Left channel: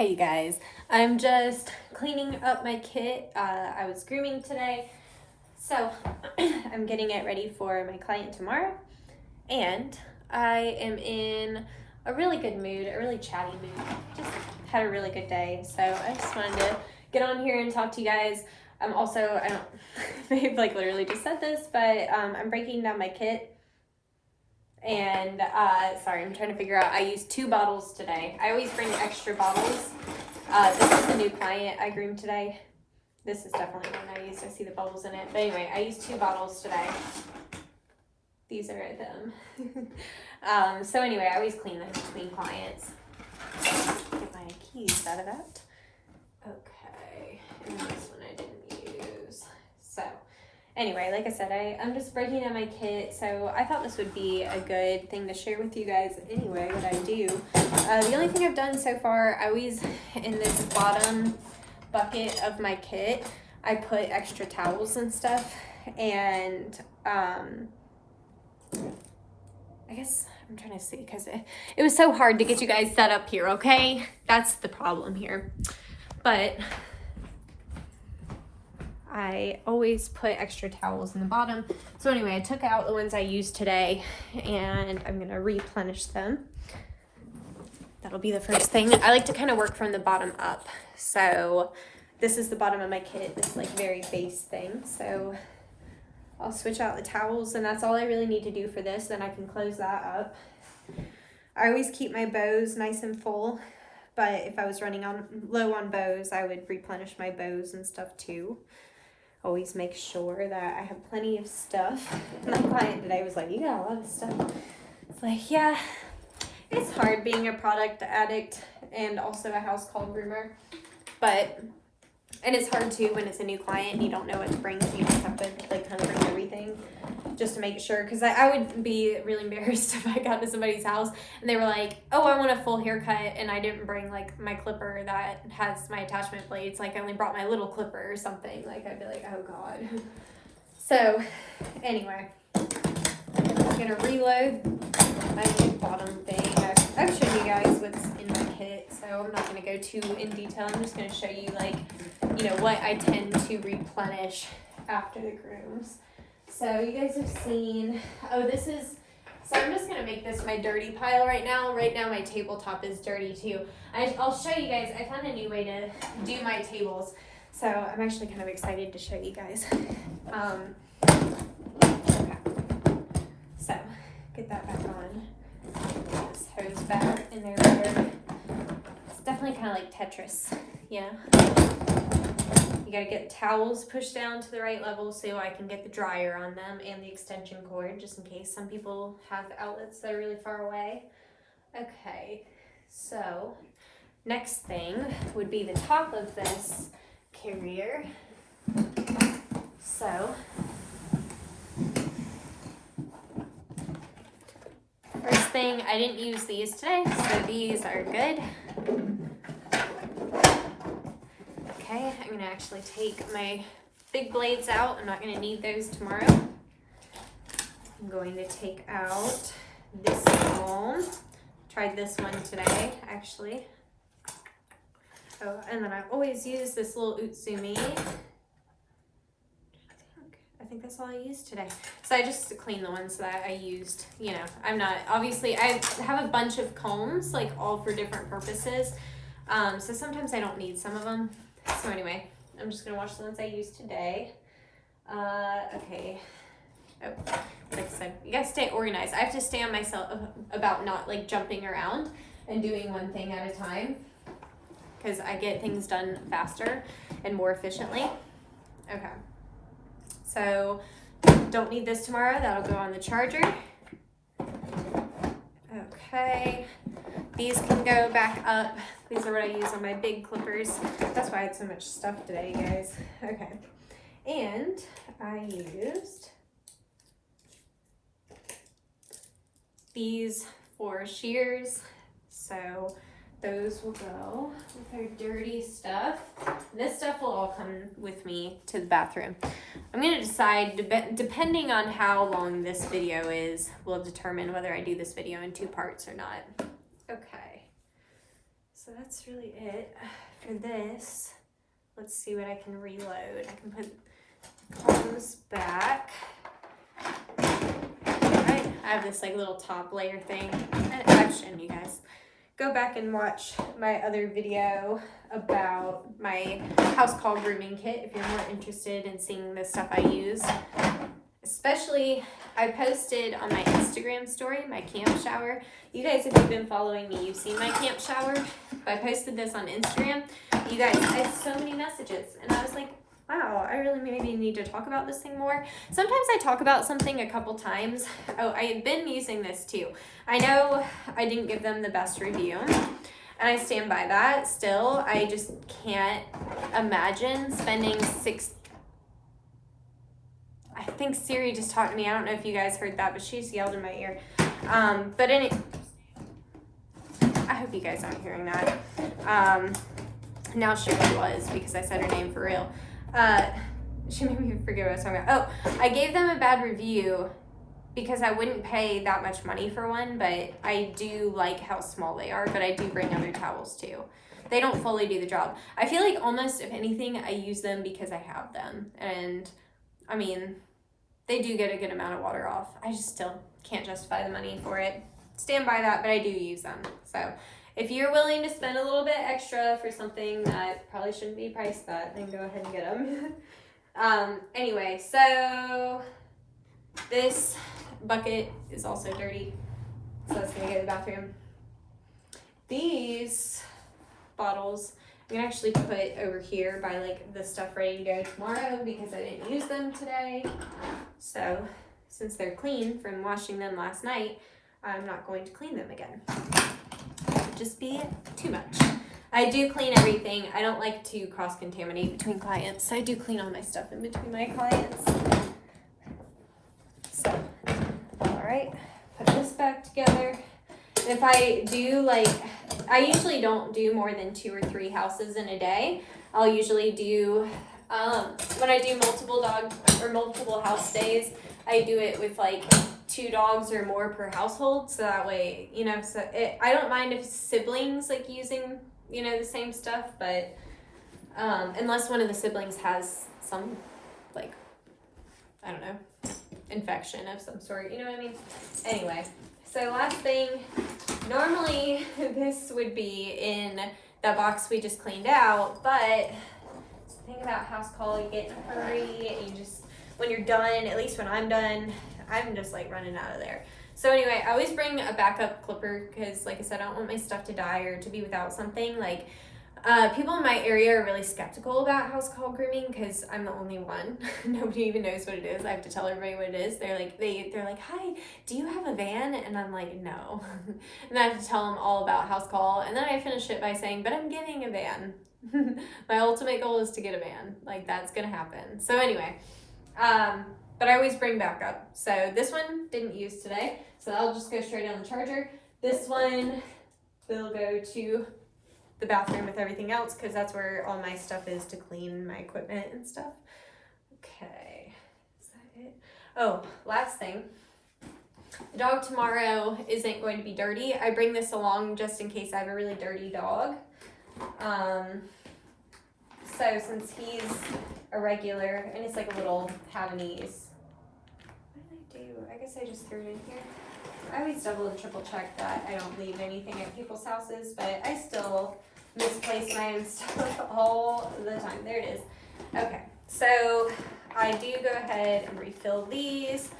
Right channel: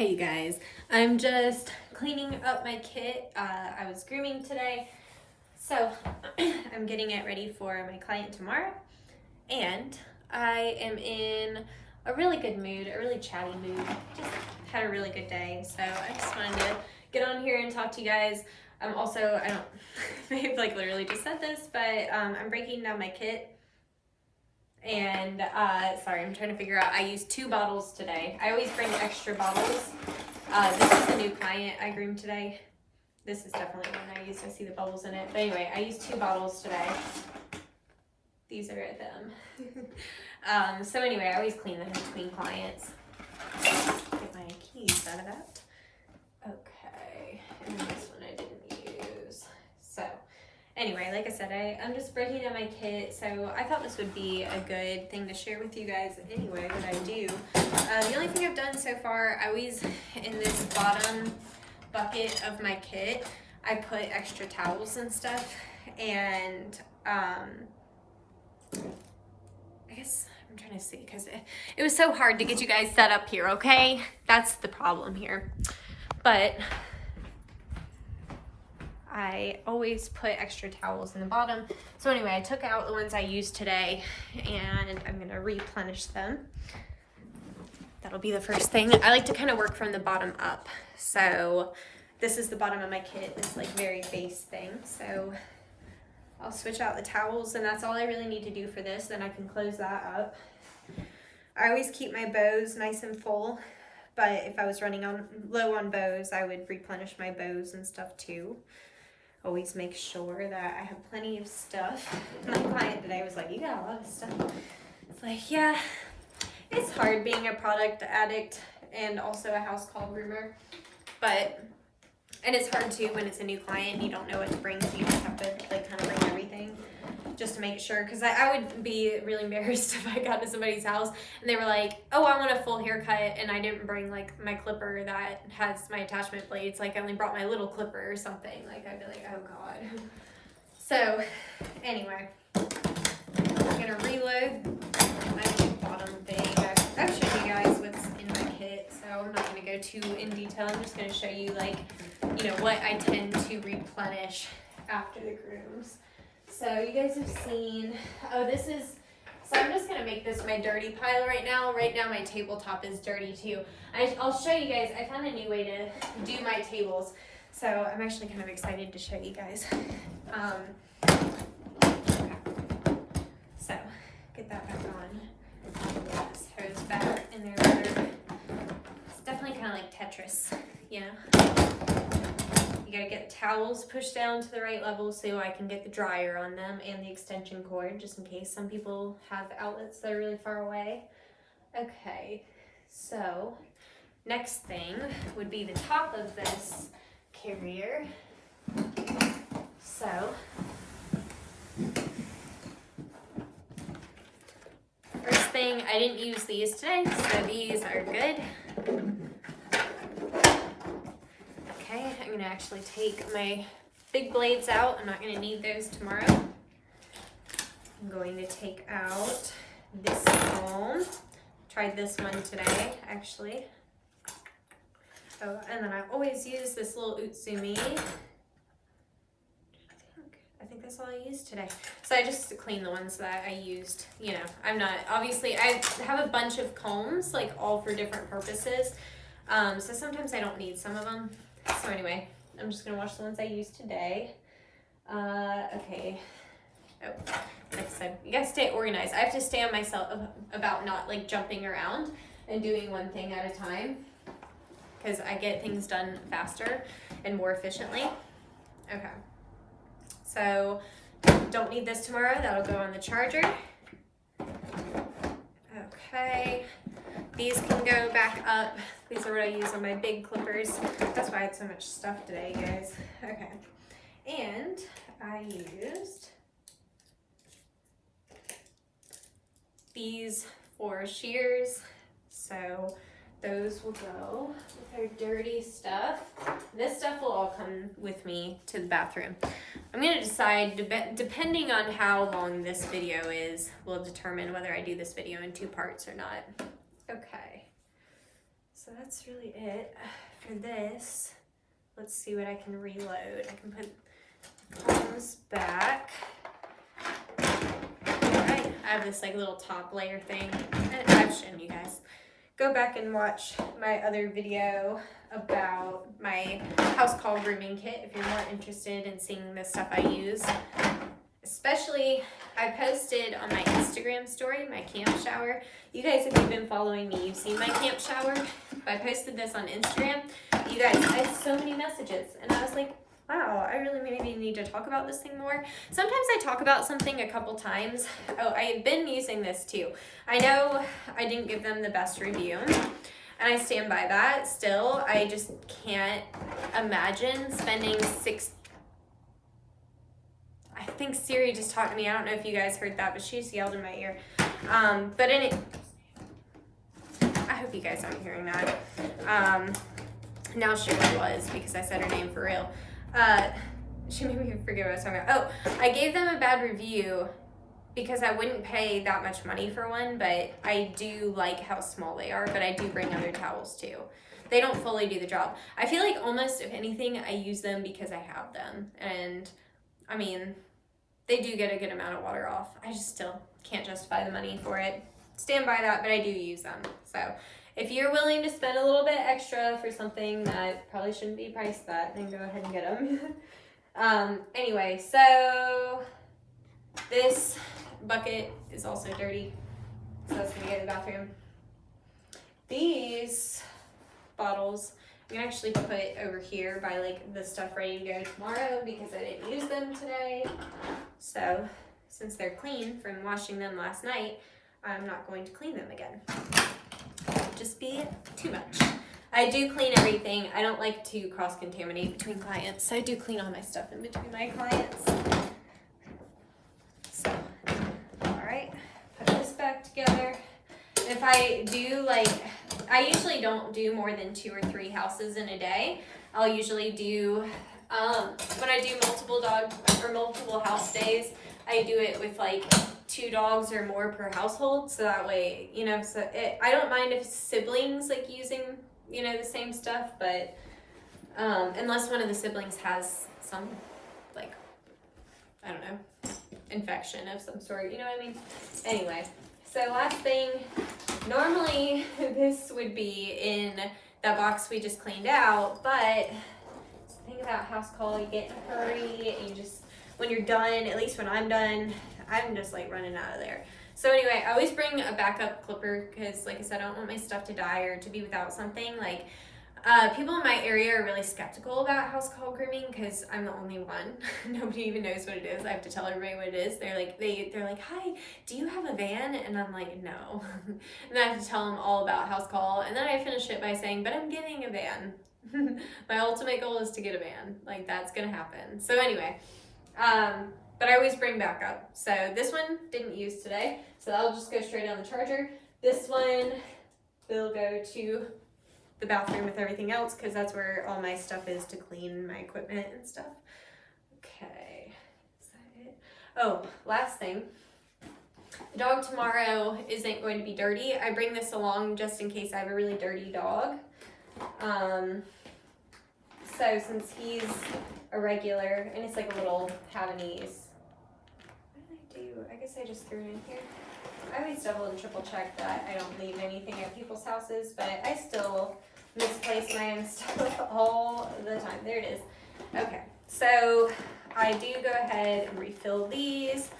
Hey you guys, I'm just cleaning up my kit. I was grooming today, so I'm getting it ready for my client tomorrow, and I am in a really good mood, a really chatty mood. Just had a really good day, so I just wanted to get on here and talk to you guys. Also, I don't, I've like literally just said this, but I'm breaking down my kit. And sorry, I'm trying to figure out. I used 2 bottles today. I always bring extra bottles. This is a new client I groomed today. This is definitely one I used. I see the bubbles in it. But anyway, I used 2 bottles today. These are them. So anyway, I always clean them between clients. Get my keys out of that. Okay, and this one I didn't use. So anyway, like I said, I'm just breaking down my kit, so I thought this would be a good thing to share with you guys anyway, that I do. The only thing I've done so far, I always, in this bottom bucket of my kit, I put extra towels and stuff, and I guess I'm trying to see, because it was so hard to get you guys set up here, okay? That's the problem here. But I always put extra towels in the bottom. So anyway, I took out the ones I used today and I'm gonna replenish them. That'll be the first thing. I like to kind of work from the bottom up. So this is the bottom of my kit, this like very base thing. So I'll switch out the towels and that's all I really need to do for this. Then I can close that up. I always keep my bows nice and full, but if I was running low on bows, I would replenish my bows and stuff too. Always make sure that I have plenty of stuff. My client today was like, you got a lot of stuff. It's like, yeah, it's hard being a product addict and also a house call groomer. And it's hard too when it's a new client and you don't know what to bring. So you just have to like kind of bring everything just to make sure. Because I would be really embarrassed if I got to somebody's house and they were like, oh, I want a full haircut, and I didn't bring like my clipper that has my attachment blades. Like I only brought my little clipper or something. Like I'd be like, oh God. So anyway, I'm gonna reload my bottom thing. I've shown you guys what's in my kit, so I'm not gonna go too in detail. I'm just gonna show you like, you know, what I tend to replenish after the grooms. So you guys have seen, so I'm just gonna make this my dirty pile right now. Right now my tabletop is dirty too. I'll show you guys, I found a new way to do my tables. So I'm actually kind of excited to show you guys. So get that back on. This hose back in there. It's definitely kind of like Tetris, yeah. You gotta get towels pushed down to the right level so I can get the dryer on them and the extension cord, just in case some people have outlets that are really far away. Okay, so next thing would be the top of this carrier. So first thing, I didn't use these today, so these are good. Okay, I'm gonna actually take my big blades out. I'm not gonna need those tomorrow. I'm going to take out this comb. Tried this one today, actually. Oh, and then I always use this little Utsumi. I think that's all I used today. So I just clean the ones that I used. You know, I'm not, obviously I have a bunch of combs, like all for different purposes. So sometimes I don't need some of them. So anyway, I'm just gonna wash the ones I used today. Okay. Oh, like I said, you guys stay organized. I have to stay on myself about not like jumping around and doing one thing at a time, because I get things done faster and more efficiently. Okay. So don't need this tomorrow. That'll go on the charger. Okay. These can go back up. These are what I use on my big clippers. That's why I had so much stuff today, you guys. Okay. And I used these for shears. So those will go with our dirty stuff. This stuff will all come with me to the bathroom. I'm gonna decide, depending on how long this video is, will determine whether I do this video in 2 parts or not. Okay. So So that's really it for this. Let's see what I can reload. I can put combs back. Alright, I have this like little top layer thing. I've shown you guys. Go back and watch my other video about my house call grooming kit if you're more interested in seeing the stuff I use. Especially, I posted on my Instagram story, my camp shower. You guys, if you've been following me, you've seen my camp shower. But I posted this on Instagram. You guys, I had so many messages. And I was like, wow, I really maybe need to talk about this thing more. Sometimes I talk about something a couple times. Oh, I had been using this too. I know I didn't give them the best review. And I stand by that still. I just can't imagine spending I think Siri just talked to me. I don't know if you guys heard that, but she just yelled in my ear. But I hope you guys aren't hearing that. Now she really was because I said her name for real. She made me forget what I was talking about. Oh, I gave them a bad review because I wouldn't pay that much money for one, but I do like how small they are, but I do bring other towels too. They don't fully do the job. I feel like almost, if anything, I use them because I have them. And I mean, they do get a good amount of water off. I just still can't justify the money for it. Stand by that, but I do use them. So if you're willing to spend a little bit extra for something that probably shouldn't be priced that, then go ahead and get them. Anyway, so this bucket is also dirty, so that's gonna go to the bathroom. These bottles I'm gonna actually put over here by like the stuff ready to go tomorrow because I didn't use them today. So since they're clean from washing them last night, I'm not going to clean them again. It would just be too much. I do clean everything. I don't like to cross-contaminate between clients, so I do clean all my stuff in between my clients. So, all right, put this back together. If I do I usually don't do more than 2 or 3 houses in a day. I'll usually do, when I do multiple dog or multiple house days, I do it with like 2 dogs or more per household. So that way, you know, I don't mind if siblings like using, you know, the same stuff, but unless one of the siblings has some like, I don't know, infection of some sort, you know what I mean? Anyway. So last thing, normally this would be in that box we just cleaned out, but the thing about house call, you get in a hurry and you just, when you're done, at least when I'm done, I'm just like running out of there. So anyway, I always bring a backup clipper because like I said, I don't want my stuff to die or to be without something. Like people in my area are really skeptical about house call grooming because I'm the only one. Nobody even knows what it is. I have to tell everybody what it is. They're like, hi, do you have a van? And I'm like, no. And I have to tell them all about house call. And then I finish it by saying, but I'm getting a van. My ultimate goal is to get a van. Like that's gonna happen. So anyway, but I always bring backup. So this one didn't use today. So I'll just go straight on the charger. This one will go to the bathroom with everything else because that's where all my stuff is to clean my equipment and stuff. Okay, is that it? Oh, last thing. The dog tomorrow isn't going to be dirty. I bring this along just in case I have a really dirty dog. So since he's a regular, and it's like a little Havanese. What did I do? I guess I just threw it in here. I always double and triple check that I don't leave anything at people's houses, but I still misplace my own stuff all the time. There it is. Okay, so I do go ahead and refill these.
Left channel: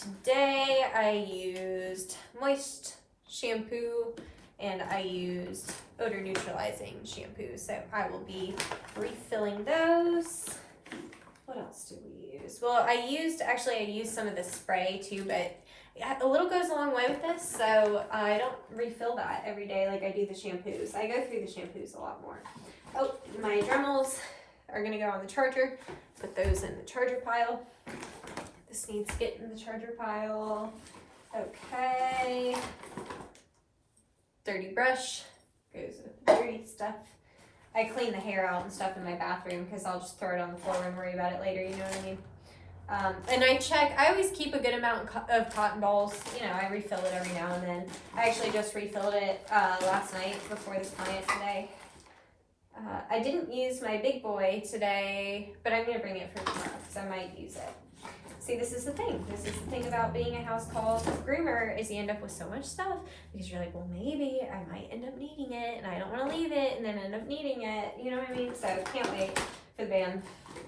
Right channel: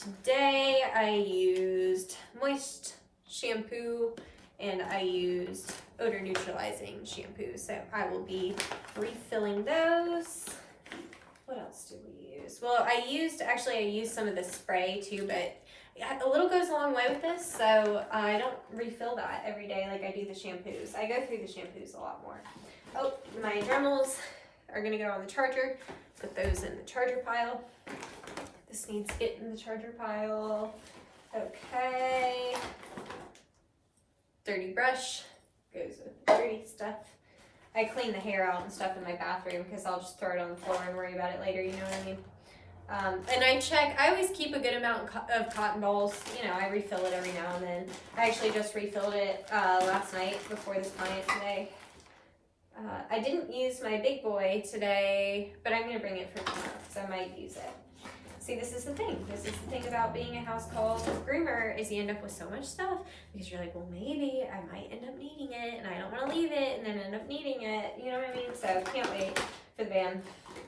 Today I used moist shampoo and I used odor neutralizing shampoo, so I will be refilling those. What else do we use? Well, I used some of the spray too, but a little goes a long way with this, so I don't refill that every day like I do the shampoos. I go through the shampoos a lot more. Oh, my Dremels are gonna go on the charger. Put those in the charger pile. This needs to get in the charger pile. Okay. Dirty brush goes with the dirty stuff. I clean the hair out and stuff in my bathroom because I'll just throw it on the floor and worry about it later, you know what I mean? And I always keep a good amount of cotton balls. You know, I refill it every now and then. I actually just refilled it last night before this client today. I didn't use my big boy today, but I'm going to bring it for tomorrow because I might use it. See, this is the thing. This is the thing about being a house call groomer is you end up with so much stuff because you're like, well, maybe I might end up needing it and I don't want to leave it and then end up needing it. You know what I mean? So can't wait for the van.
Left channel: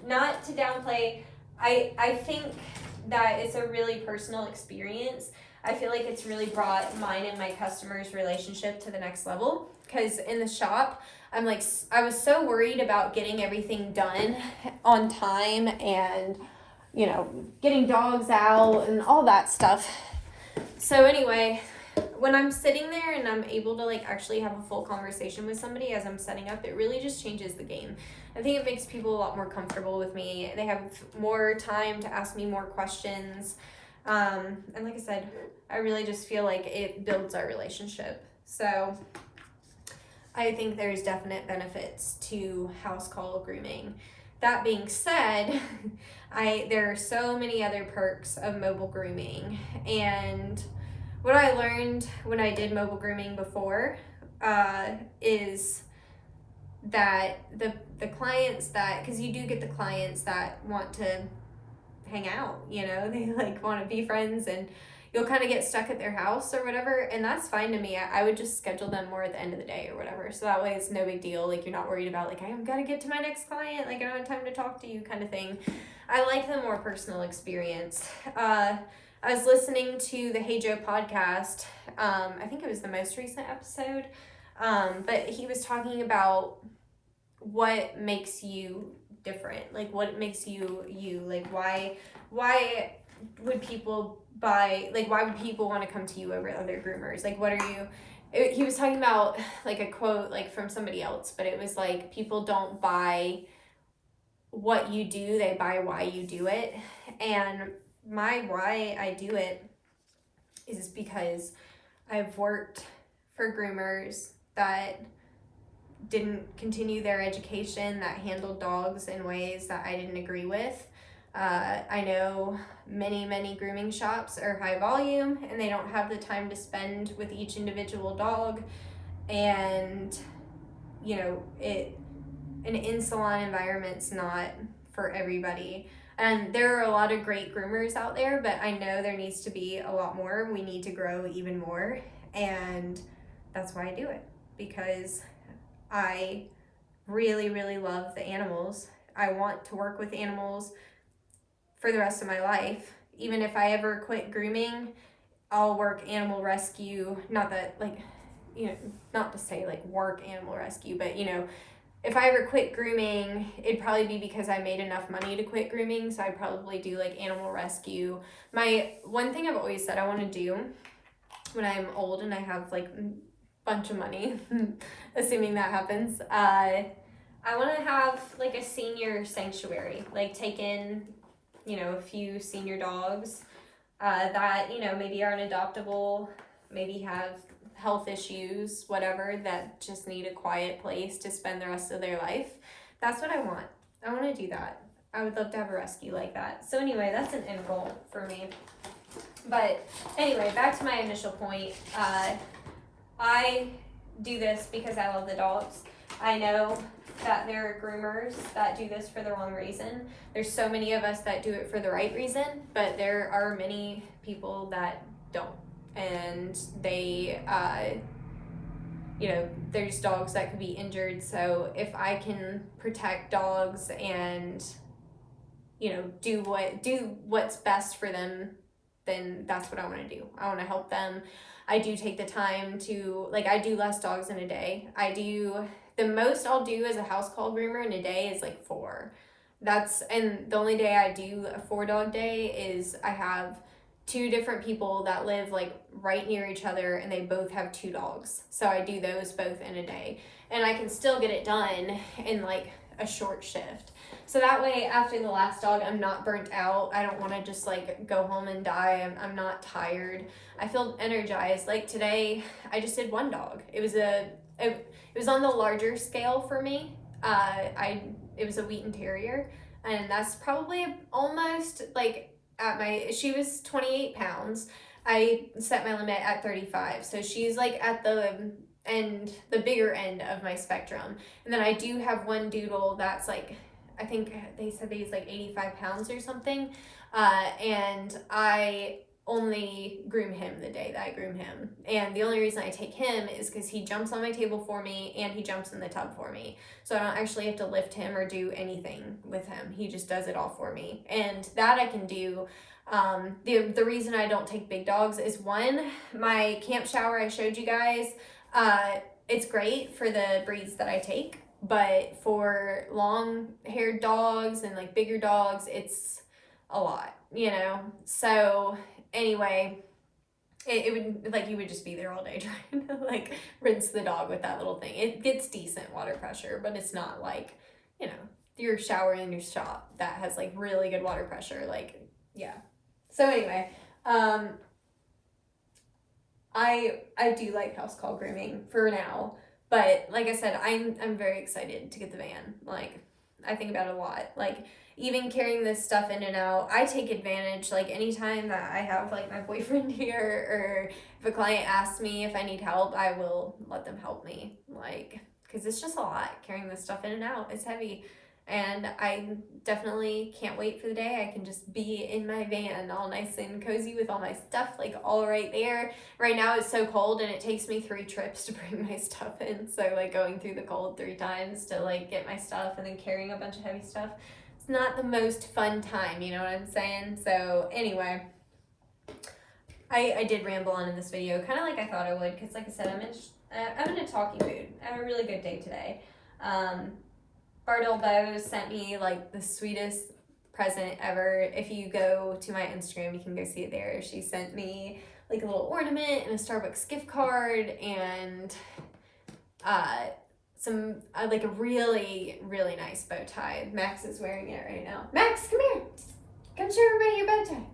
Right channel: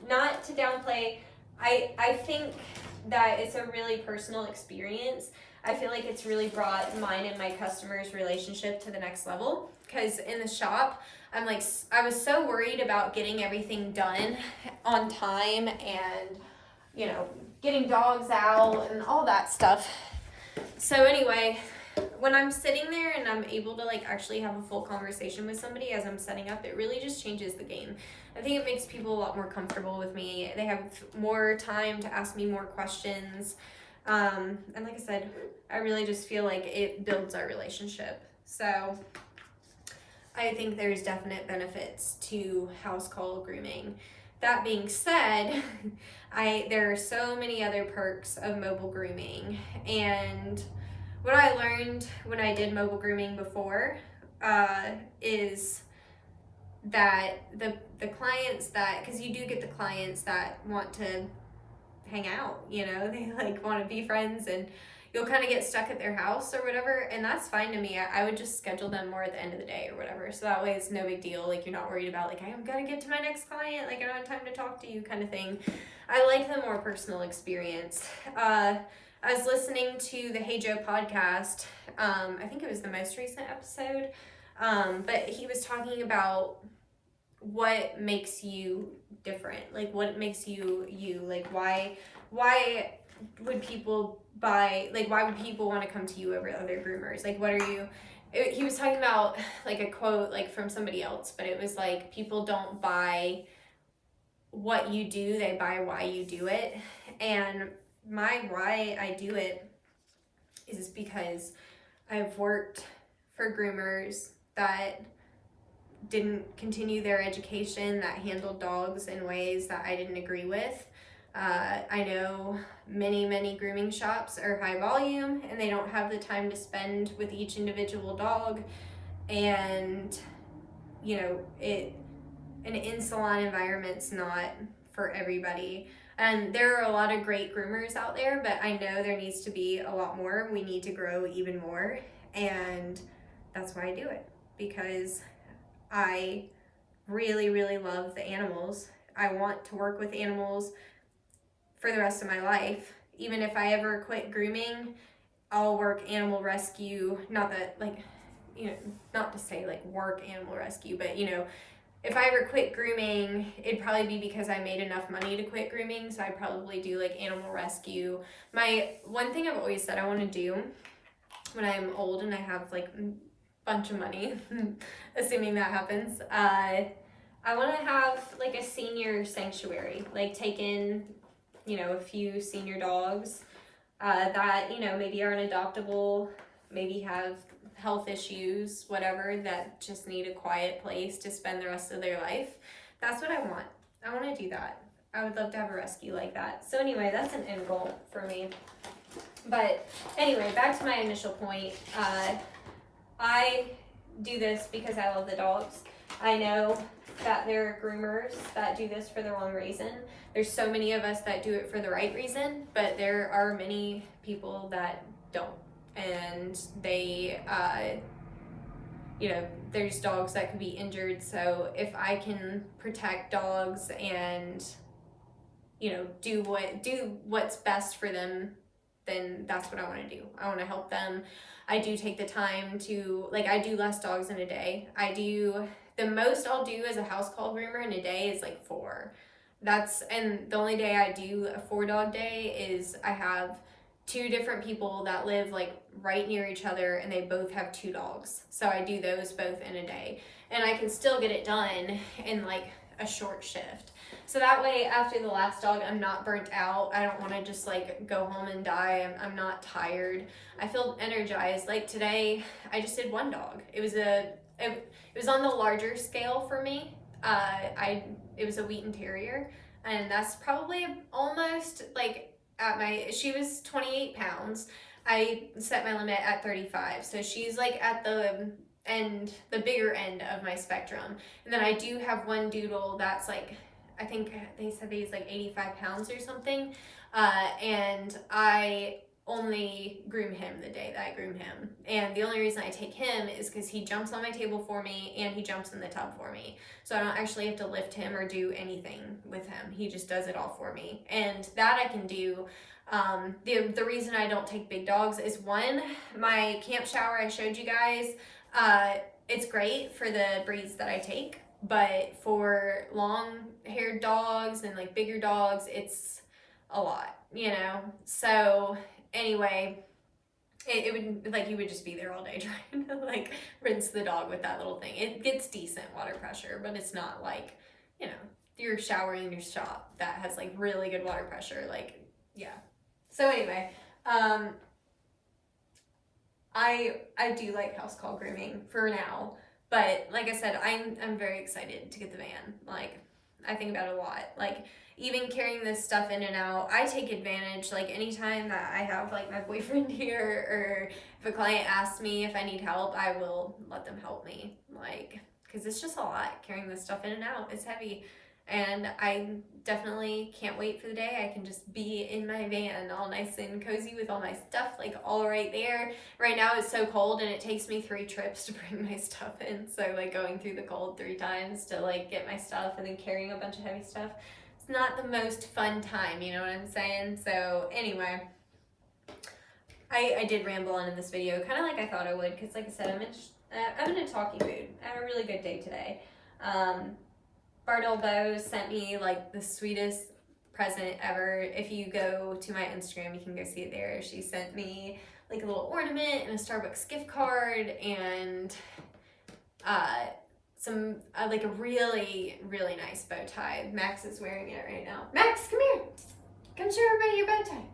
Not to downplay. I think that it's a really personal experience. I feel like it's really brought mine and my customers' relationship to the next level. Because in the shop, I was so worried about getting everything done on time and, you know, getting dogs out and all that stuff. So anyway, when I'm sitting there and I'm able to like actually have a full conversation with somebody as I'm setting up, it really just changes the game. I think it makes people a lot more comfortable with me. They have more time to ask me more questions. And like I said, I really just feel like it builds our relationship. So I think there's definite benefits to house call grooming. That being said, there are so many other perks of mobile grooming. And what I learned when I did mobile grooming before is that the clients that, because you do get the clients that want to hang out, you know, they like want to be friends and you'll kind of get stuck at their house or whatever, and that's fine to me. I would just schedule them more at the end of the day or whatever, so that way it's no big deal. Like, you're not worried about like, I've got to get to my next client, like I don't have time to talk to you kind of thing. I like the more personal experience. I was listening to the Hey Joe podcast. I think it was the most recent episode, but he was talking about what makes you different, like what makes you like why would people why would people want to come to you over other groomers? Like, what are you, he was talking about like a quote like from somebody else, but it was like, people don't buy what you do, they buy why you do it. And my why I do it is because I've worked for groomers that didn't continue their education, that handled dogs in ways that I didn't agree with. I know many grooming shops are high volume and they don't have the time to spend with each individual dog, and you know, an in-salon environment's not for everybody. And there are a lot of great groomers out there, but I know there needs to be a lot more. We need to grow even more, and that's why I do it, because I really love the animals. I want to work with animals for the rest of my life. Even if I ever quit grooming, I'll work animal rescue. Not that, like, you know, not to say like work animal rescue, but you know, if I ever quit grooming, it'd probably be because I made enough money to quit grooming. So I'd probably do like animal rescue. My one thing I've always said I want to do when I'm old and I have like bunch of money, assuming that happens, I want to have like a senior sanctuary, like take in, you know, a few senior dogs that, you know, maybe aren't adoptable, maybe have health issues, whatever, that just need a quiet place to spend the rest of their life. That's what I want. I want to do that. I would love to have a rescue like that. So anyway, that's an end goal for me. But anyway, back to my initial point. I do this because I love the dogs. I know that there are groomers that do this for the wrong reason. There's so many of us that do it for the right reason, but there are many people that don't. And they, you know, there's dogs that could be injured. So if I can protect dogs and, you know, do what's best for them, then that's what I want to do. I want to help them. I do take the time to, like, I do less dogs in a day. The most I'll do as a house call groomer in a day is like 4. And the only day I do a 4-dog day is I have 2 different people that live like right near each other and they both have 2 dogs. So I do those both in a day, and I can still get it done in like a short shift. So that way, after the last dog, I'm not burnt out. I don't want to just like go home and die. I'm not tired. I feel energized. Like today, I just did 1 dog. It was on the larger scale for me. It was a Wheaten Terrier. and that's probably almost like she was 28 pounds. I set my limit at 35, so she's like at the bigger end of my spectrum. And then I do have one doodle that's like, I think they said he's like 85 pounds or something, and I only groom him the day that I groom him. And the only reason I take him is because he jumps on my table for me and he jumps in the tub for me. So I don't actually have to lift him or do anything with him. He just does it all for me. And that I can do. The reason I don't take big dogs is, one, my camp shower I showed you guys, it's great for the breeds that I take, but for long haired dogs and like bigger dogs, it's a lot, you know? So anyway, it would, like, you would just be there all day trying to like rinse the dog with that little thing. It gets decent water pressure, but it's not like, you know, you're showering in your shop that has like really good water pressure. Like, yeah. So anyway, I do like house call grooming for now, but like I said, I'm very excited to get the van. Like, I think about it a lot. Like, even carrying this stuff in and out, I take advantage. Like, anytime that I have like my boyfriend here, or if a client asks me if I need help, I will let them help me. Like, because it's just a lot carrying this stuff in and out. It's heavy. And I definitely can't wait for the day I can just be in my van all nice and cozy with all my stuff like all right there. Right now it's so cold and it takes me 3 trips to bring my stuff in. So like going through the cold 3 times to like get my stuff and then carrying a bunch of heavy stuff. It's not the most fun time, you know what I'm saying? So anyway, I did ramble on in this video, kind of like I thought I would, because like I said, I'm in a talky mood. I have a really good day today. Bardell Bose sent me like the sweetest present ever. If you go to my Instagram, you can go see it there. She sent me like a little ornament and a Starbucks gift card and some like a really, really nice bow tie. Max is wearing it right now. Max, come here. Come show everybody your bow tie.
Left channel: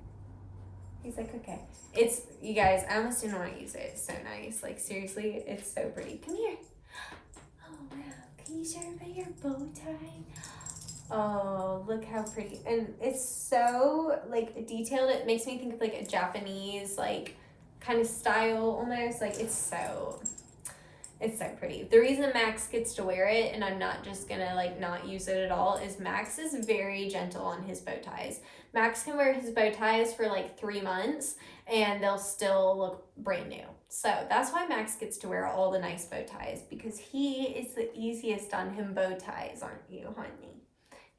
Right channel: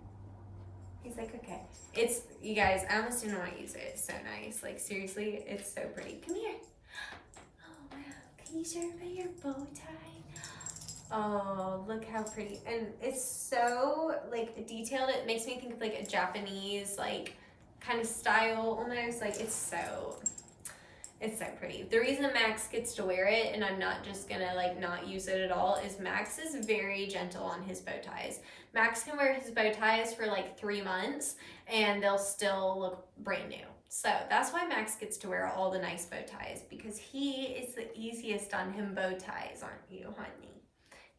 He's like, okay. It's, you guys, I almost didn't want to use it. It's so nice. Like, seriously, it's so pretty. Come here. Oh, wow. Can you show everybody your bow tie? Oh, look how pretty. And it's so like detailed. It makes me think of like a Japanese like kind of style almost. Like it's so pretty. The reason Max gets to wear it and I'm not just gonna like not use it at all is Max is very gentle on his bow ties. Max can wear his bow ties for like 3 months and they'll still look brand new. So that's why Max gets to wear all the nice bow ties, because he is the easiest on him bow ties, aren't you, honey?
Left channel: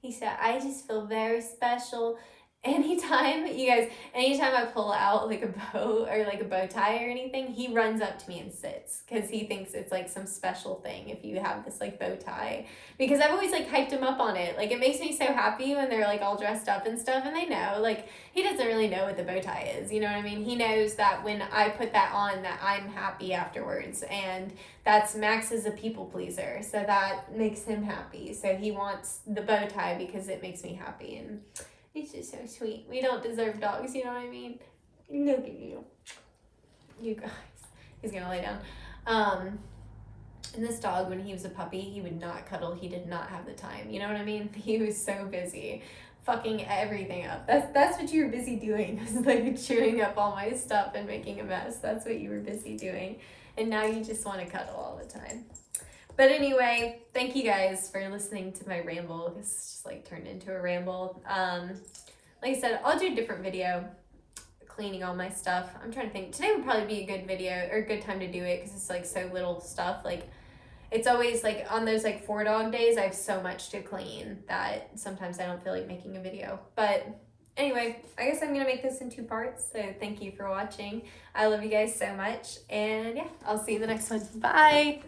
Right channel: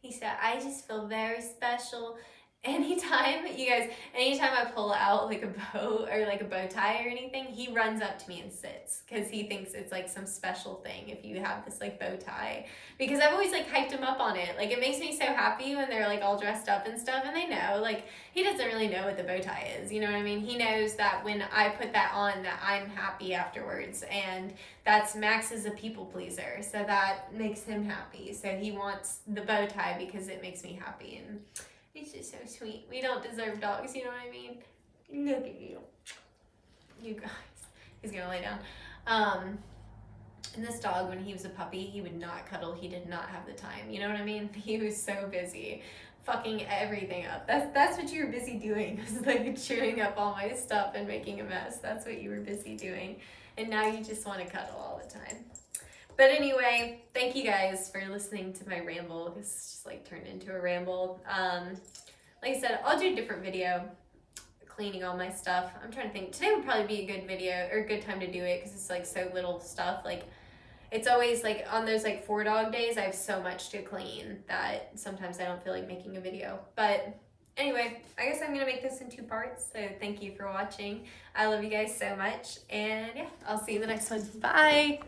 He said, I just feel very special. Anytime I pull out like a bow or like a bow tie or anything, he runs up to me and sits, because he thinks it's like some special thing if you have this like bow tie, because I've always like hyped him up on it. Like, it makes me so happy when they're like all dressed up and stuff, and they know, like, he doesn't really know what the bow tie is, you know what I mean? He knows that when I put that on, that I'm happy afterwards, and that's, Max is a people pleaser, so that makes him happy. So he wants the bow tie because it makes me happy, and it's just so sweet. We don't deserve dogs, you know what I mean? Look at you. You guys. He's gonna lay down. And this dog, when he was a puppy, he would not cuddle. He did not have the time. You know what I mean? He was so busy fucking everything up. That's what you were busy doing. Was like chewing up all my stuff and making a mess. That's what you were busy doing. And now you just want to cuddle all the time. But anyway, thank you guys for listening to my ramble. This just like turned into a ramble. Like I said, I'll do a different video cleaning all my stuff. I'm trying to think. Today would probably be a good video or a good time to do it, because it's like so little stuff. Like, it's always like on those like 4 dog days, I have so much to clean that sometimes I don't feel like making a video. But anyway, I guess I'm gonna make this in 2 parts. So thank you for watching. I love you guys so much. And yeah, I'll see you in the next one. Bye.